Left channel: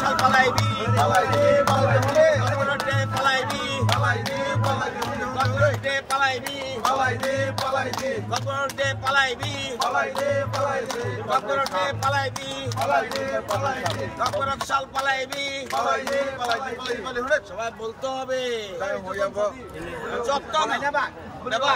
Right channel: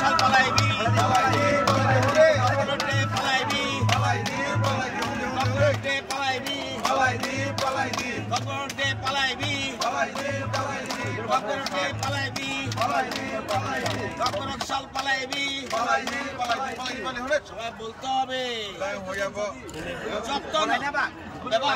শাল পালাইবি পালাইবি পালাইবি ককবরকে পালাইবি পালাইবি পালাইবি ককবরকে পালাইবি পালাইবি পালাইবি ককবরকে পালাইবি পালাইবি পালাইবি ককবরকে পালাইবি পালাইবি পালাইবি ককবরক শাল পালাইবি পালাইবি পালাইবি পালাইবি হলে সবাই বলতে হবে তাই হয়ে যাব যত না বা দেবা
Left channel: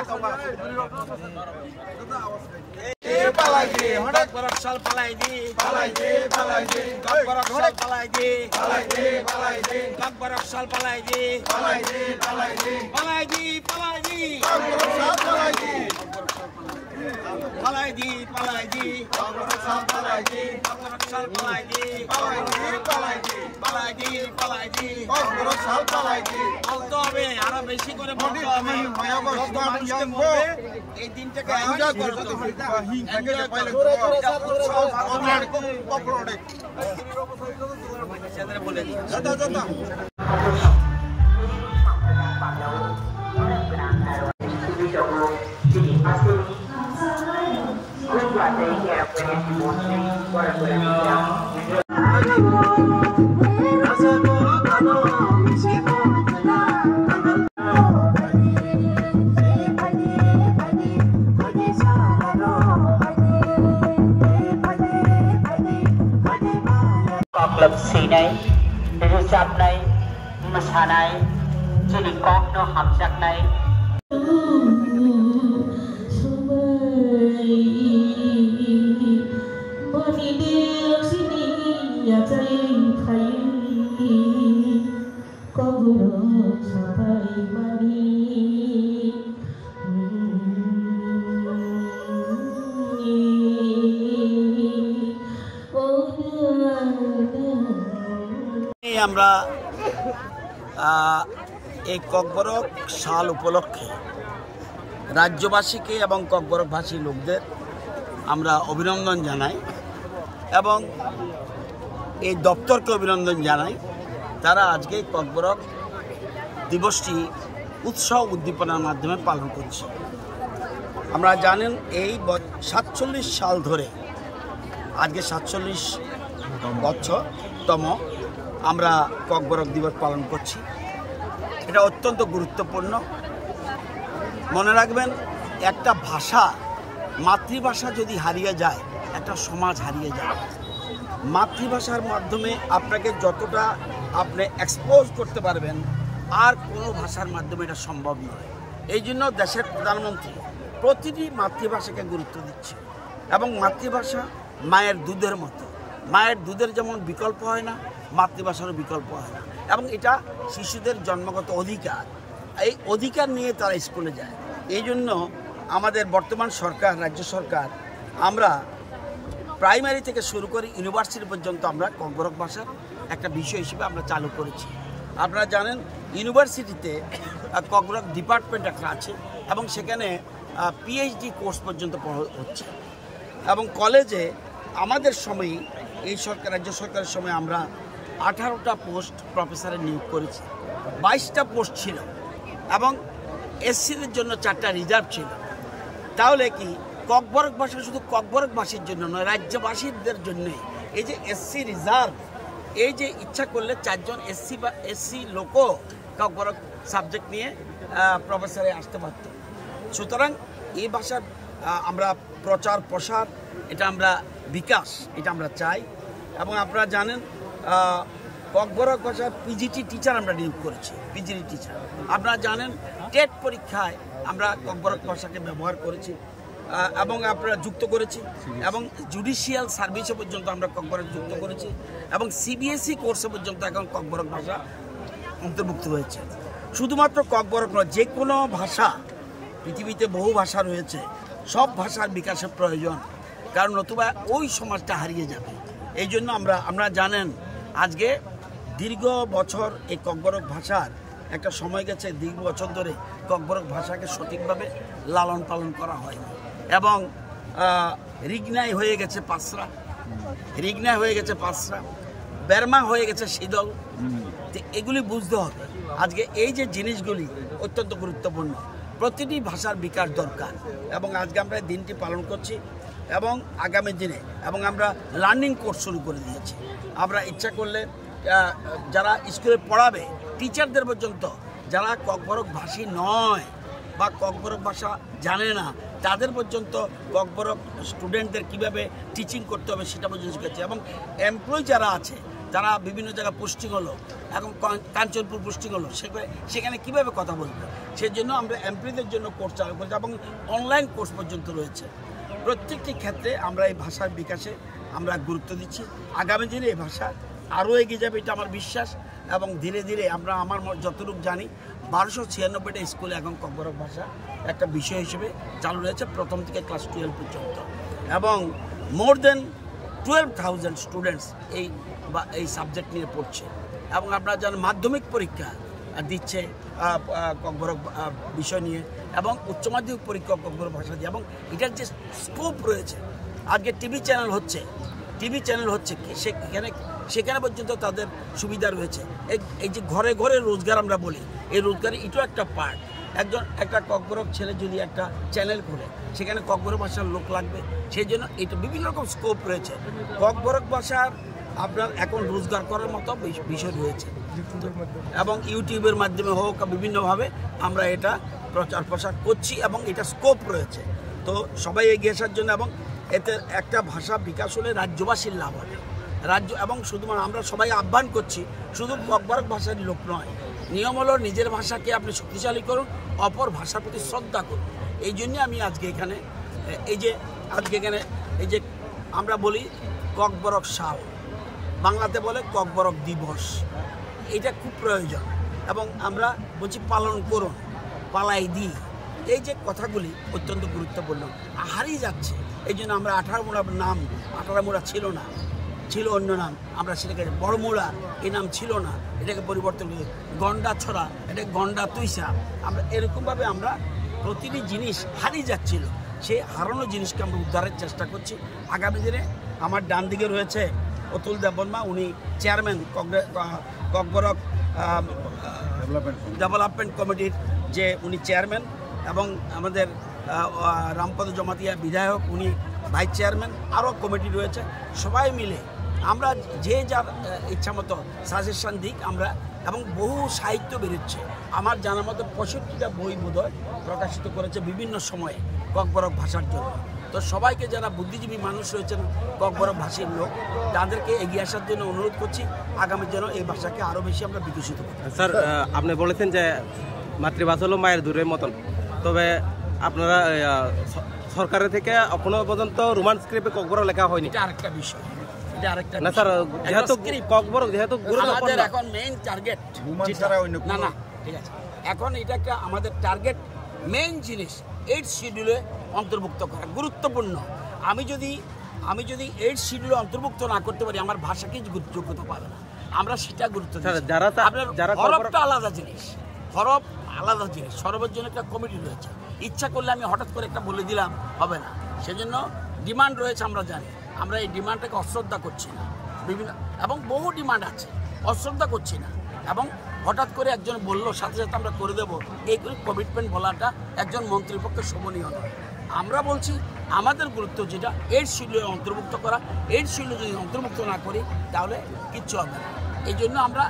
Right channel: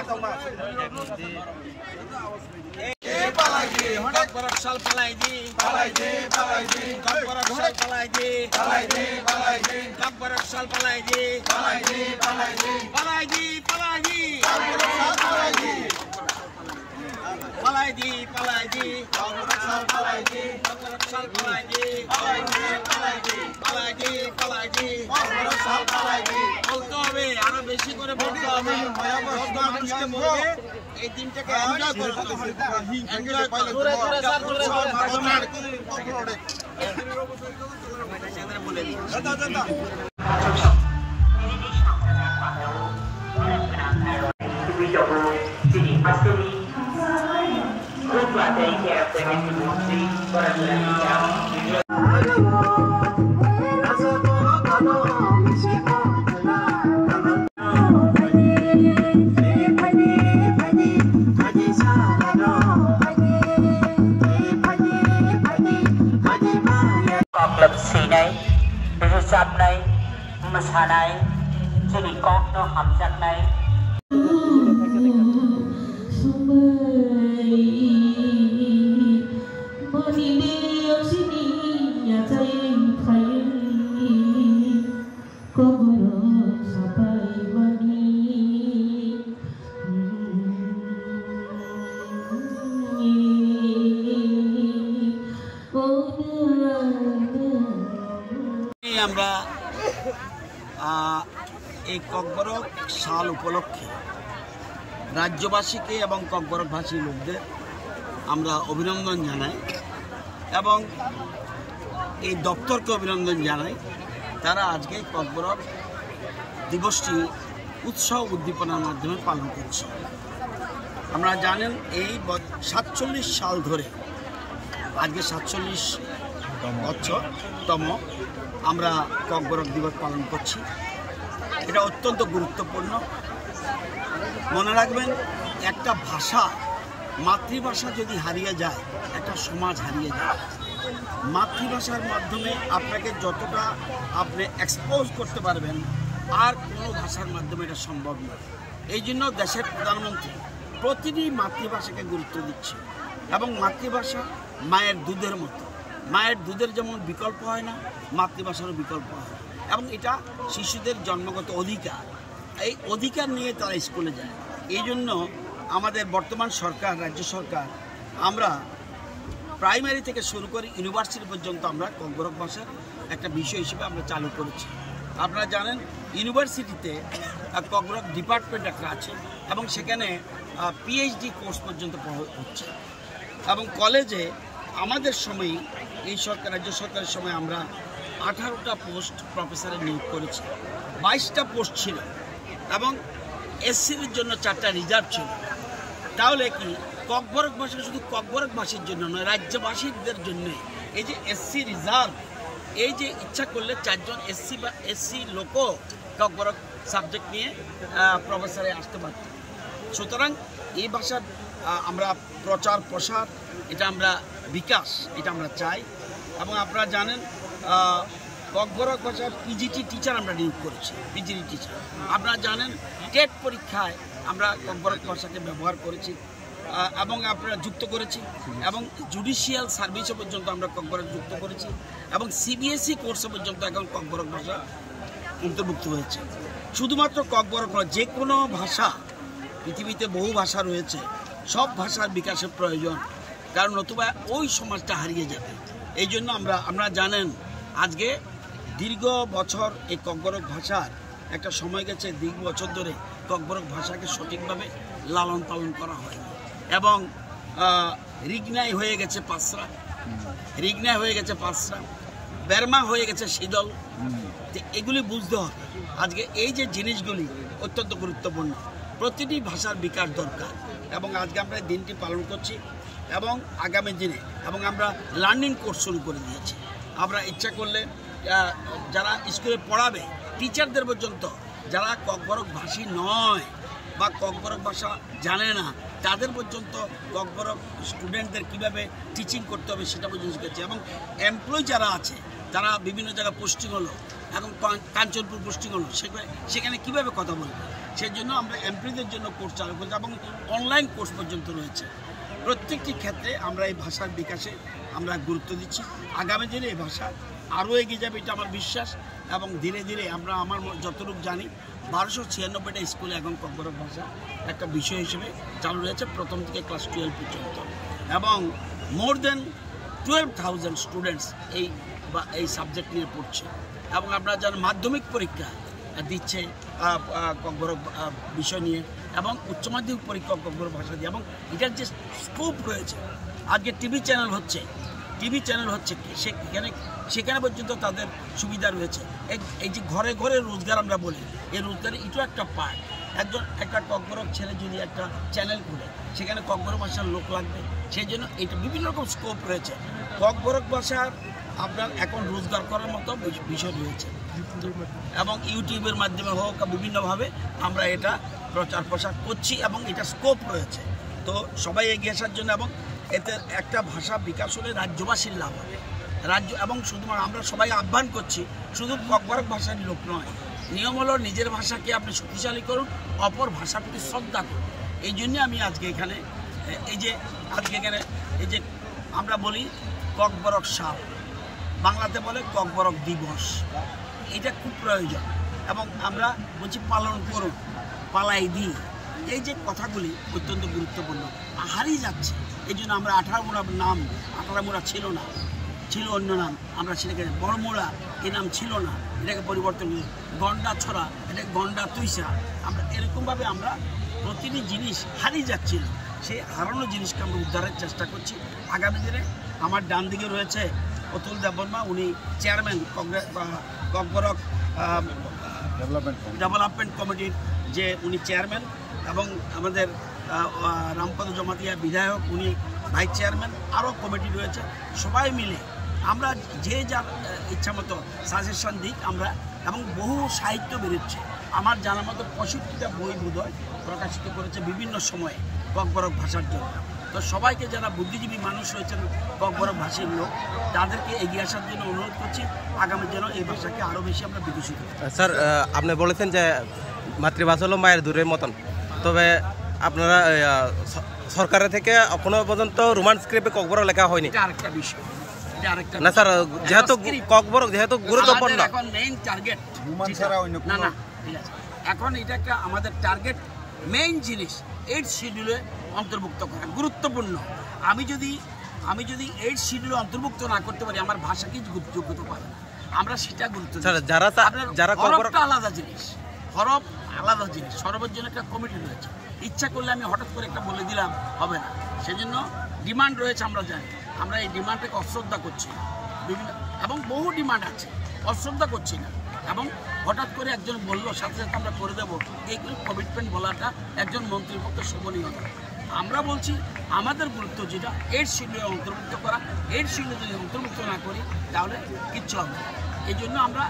পালাইজি ককবরক শাল পালাইজি পালাইজি পালাইজি ককবরক শাল পালাইজি পালাইজি পালাইজি ককবরক শাল পালাইজি পালাইজি পালাইজি পালাইজি পালাইজি ককবরক শাল পালাইজি পালাইজি পালাইজি ককবরক শাল পালাইজি ককবরক শাল পালাইজি পালাইজি পালাইজি পালাইজি পালাইজি ককবরক শাল পালাইজি বলতে হবে আরো বেশি করে বলতে হবে যত মানুষকে বলবে এই দিনটাকে এনজয় করতে হবে এনজয় পাইলে বলে দিই দাদা দাদা रोजाबनाय मोसानाय जोंनि गगनो हाबजाबनाय আমরা এই ককবরক সাল উপলক্ষে রাজ্যবাসীকে এবং ককবরক ভাষী লোকদের আমরা অভিনন্দন জানাই এবং এই দপ্তরকে অভিনন্দন জানাই তারা আজকে ককবরক দিবসটি উৎসাহ উদ্দীপনার মাধ্যমে পালন করছে। আমরা জানেন এই 47 সাল ধরে আজকে 47তম আমরা ককবরক দিবস পালন করছি। এটা অত্যন্ত গুরুত্বপূর্ণ। মনে রাখবেন একটা ভাষা মাতৃভাষা যদি হারিয়ে যায় একটা সমাজ হারিয়ে যায়। মাতৃভাষার মাধ্যমে আপনাকে যতটা আপনি এক্সপোজ করতে পারবেন আর কোনো ভাষার মাধ্যমে এটা সম্ভব নয়। এই জন্য দেশের প্রধানমন্ত্রী প্রতিটি মাতৃভাষাকে গুরুত্ব দিচ্ছে এবং মাতৃভাষা মায়ের দুধের মতো। মায়ের দুধের যেমন বিকল্প হয় না মাতৃভাষারও বিকল্প হয় না এবং এটা শিশুদের জন্মগত অধিকার। এই অধিকার নিয়ে তারা স্কুলে যায়। এই জন্য আমাদের বর্তমান সরকার রাজ্য সরকার আমরা প্রাইমারি থেকে শুরু করে ইউনিভার্সিটি পর্যন্ত আমরা ককবরক ভাষার একটা বিষয় হিসেবে আমরা চালু করেছি। আপনারা জানেন ইউনিভার্সিটিতে ককবরক ডিপার্টমেন্ট একটা আছে এবং সেখানে পিএইচডি কোর্স পর্যন্ত হচ্ছে এবং কলেজে আমাদের সময়ে এই সরকার রাজ্য সরকারের সময় আমরা 18টা পোস্ট প্রফেসরের নিয়োগ করেছি। 22টা পোস্ট ছিল এবং এসসির জন্য 4টা রিজার্ভ ছিল। তাহলে কি ককবরক ভাষা শুধু ককবরকবাসীর জন্য নয় রাজ্যবাসীদের জন্য এই যে এসসি রিজার্ভ এই যে ইচ্ছা করলে 4 জন এসসি লোকও ককবরক সাবজেক্ট নিয়ে প্রফেসরে আসতে পারত। সুতরাং এই ভাষার আমরা প্রচার প্রসার এটা আমরা বিকাশ এটা আমরা চাই এবং আপনারা জানেন ককবরক ভাষার পিজিটি টিচার আমরা নিয়োগ করেছি। পিজিটি টিচার আপনারা জানেন টেট পরীক্ষায় আমরা ককবরক ভাষাকে ব্যবহার করেছি এবং আপনারা যুক্ত করেছি এবং জুডিশিয়াল সার্ভিসে পর্যন্ত আমরা ককবরক যুক্ত করেছি এবং সিবিএসই কোর্সে পর্যন্ত এখন ককবরক ভাষা অন্তর্ভুক্ত হয়েছে। শুধুমাত্র ককবরক নয় যে কোনো ভাষা পৃথিবীতে বহু ভাষা রয়েছে সব ভাষার বিকাশের প্রয়োজন কারণ নতুবা ওই সমাজটা হারিয়ে যাবে। এই জন্য আমরা জানেন আজকে দীর্ঘ বছর এই ককবরক ভাষার একটা সময় গেছে দীর্ঘ বছর ধরে ককবরক ভাষাকে সঠিকভাবে লালন পালন করা হয়নি এবং রিগনাই হয়ে গেছে পাঁচরা রিগনাই হয়ে গেছে পাঁচরা বেরমা হয়ে গেছে শীতল। এগুলি বুঝতে হবে আজকে এই যে জিনিসগুলি অত্যন্ত গুরুত্বপূর্ণ। প্রতিটি ভাষার বিকাশ দরকার এবং আজকে আমরা দিনটি পালন করছি এবং আগামী দিনে এবং আমরা লার্নিং কোর্স শুরু করে দিয়েছি। আমরা ইচ্ছা করলে যারা স্কুলে পড়াবে টিচারদের পর্যন্ত যারা ককবরক ভাষী নয় বা ককবরক ভাষা জানে না তাদের পর্যন্ত ককবরক স্টুডেন্টদের কীভাবে টিচিং করতে হবে সেটা পর্যন্ত শিখেছে। এবং এমপ্লয়ি যারা আছে তারা বিভিন্ন জায়গায় পোস্টিং হলো, এখন কাঞ্চনপুর পোস্টিং হলো, সেখানে কীভাবে কথা বলবে সেই জন্য আমরা এমপ্লয়িদের জন্য কোর্স চালু করছি এবং অনলাইন কোর্স পর্যন্ত রয়েছে। প্রত্যেকটি ক্ষেত্রে আমরা এই ভাষার বিকাশে আমরা গুরুত্ব দিচ্ছি। আগামী দিনে এই ভাষা আরও এগিয়ে যাবে এটা আমার বিশ্বাস। এবং ধীরে ধীরে আমরা আমার যতটুকু জানি 1296টা স্কুলে এখন ককবরক ভাষা একটা বিষয় হিসেবে চালু রয়েছে প্রথম থেকে ক্লাস 12 পর্যন্ত, এবং মোর দেন 12,000 স্টুডেন্টস এই সাবজেক্ট নিয়ে পড়ছে। এবং আপনারা জানেন মাধ্যমিক পরীক্ষা দিচ্ছে ককবরক বিষয় নিয়ে এবং উচ্চ মাধ্যমিক পরীক্ষা ককবরক ভাষা দিয়ে, এবং এটার যে স্কোপ রয়েছে আজকে টিভি চ্যানেল হচ্ছে সেখানে পর্যন্ত তাদের সুবিধা রয়েছে। এই যে ঘরে ঘরে রোজগার আমরা বলি, এই রোজগারের এটাও একটা পার্ট। একটা ককবরক ছেলে যদি একটা চ্যানেল খুলে সেখানে ককবরক ভাষার লোক লাগবে, সেই জন্য এটা বিভিন্ন রকম স্কোপ রয়েছে। ককবরক ভাষার আপনার এখন রোজগার করার মতো বিষয় রয়েছে এবং ইউটিউবের মাধ্যমে হোক বিভিন্নভাবে আমরা এটা প্রচার প্রসার করছি এবং এটা স্কোপ রয়েছে। তো সবাই এগিয়ে আসার জন্য, এবং এতে একটা ভাষা বিকাশ হলে রাজ্যবাসীর লাভ হবে। এবং শুধুমাত্র আমরা সবাই আহ্বান করছি, শুধু ককবরক ভাষার লোক নয়, নিয়ম হলো নিজের ভাষাকে আপনি শক্তিশালী করুন, অপর ভাষার প্রতি শ্রদ্ধা করুন। এই জন্যে আমি আজকে এখানে এই যে আমরা বলি ককবরক সাল, বাংলাতে বলে ককবরক দিবস, এটা খুব প্রয়োজন এবং আমরা বলছি পালন করুন, পালাই দিই। এই যে কথাগুলি অত্যন্ত গুরুত্বপূর্ণ, হারিয়ে যাচ্ছে। এই জন্য আমরা 18 মোড়া নাম, 18 মোড়া ছিল অন্য নাম, আমরা সেটাকে বড় মোড়া এই নাম ছিল না, এটাকে পরিবর্তন করি। গন্ডা ছড়া, এটাকে গন্ডা তুইসা, আমরা এরকমভাবে আমরা প্রতিটি জিনিস হারিয়ে যাচ্ছিল, সেই হারানো জিনিসকে আমরা উদ্ধারের চেষ্টা করছি। আগামী দিনে আমার ডান দিকে রয়েছে অতুল দেববর্মা, উনি চেয়ারম্যান ককবরক ডেভেলপমেন্ট কমিটির যে উনি চেয়ারম্যান, এবং আমাদের রামপদ জমাতিয়া বিধায়ক উনি ভাইস চেয়ারম্যান, আরও কমিটি রয়েছে। সবাই মিলে আমরা যে যার ইচ্ছা মতো সাজেশন দিক আমরা, এবং বহু সাহিত্য বেরোচ্ছে। আমার জানার মতো 65টা বই বোধহয় প্রকাশিত করেছে বিভিন্ন সময়ে ককবরক ভাষার জন্য। তো সবাইকে যারা বুদ্ধিজীবী মানুষ রয়েছেন ককবরক ভাষীর লোক, তাদেরকে এগিয়ে আসার জন্য অনুরোধ করছি, আগামী যেন এই ভাষাকে আরও বেশি আমরা বিকশিত করি। স্যার, আপনি বলেছেন যে মাতৃভাষা হলো মায়ের দূরের মতন, তবে আপনারা সরকারের থেকে এখনো পর্যন্ত রোমান স্ক্রিপ্টে ককবরক লেখা হয়নি। এটা আরেকটা বিষয়, না স্যার, যেহেতু ককবরক যেহেতু গুরুত্বপূর্ণ, এখন মেইন টার্গেট রোমান ছাড়া অন্য না, ঠিক আছে, এখন এটা একটা আমাদের টার্গেট মেইন জিনিস 8 শিডিউলে অন্তর্ভুক্ত করা গুরুত্বপূর্ণ। আমি যদি 8 শিডিউলে অন্তর্ভুক্ত না করতে পারি, আমার ভাষাকেই যোগ্যতা পাবে না, আমরা সেটা গুরুত্ব দিই। যারা হরফটা আলাদা জিনিস, হরফ আলাদা জিনিস, সরবের জন্য একটা কমিটি রয়েছে। ইচ্ছা করলে আমি হঠাৎ করে একটা বলে দিলাম হবে না, সেজন্য ডিমান্ড রয়েছে। আমরা জানি, আমরা এই ডিমান্ডটাকে অশ্রদ্ধা করছি না, এবং বহু ডিমান্ড আছে, অশ্রদ্ধা করছি না। এবং হঠাৎ করে একজন বললো সাথে সাথে আমরা করে দেবো, এইগুলো কমিটমেন্ট বলাটা একজন মন্ত্রীর পক্ষে শোভনীয় নয়। আমরা বলছি আমাদের গুরুত্ব যেটা 8 শিডিউলে অন্তর্ভুক্ত করা, 8 শিডিউলে যদি অন্তর্ভুক্ত না করি তাহলে কিচ্ছু হবে না। এই জন্য আমরা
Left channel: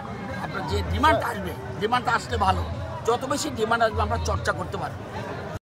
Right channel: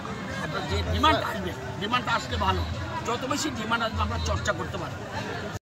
যে ডিমান্ড আসবে, ডিমান্ডটা আসলে ভালো, যত বেশি ডিমান্ড আসবে আমরা চর্চা করতে পারি।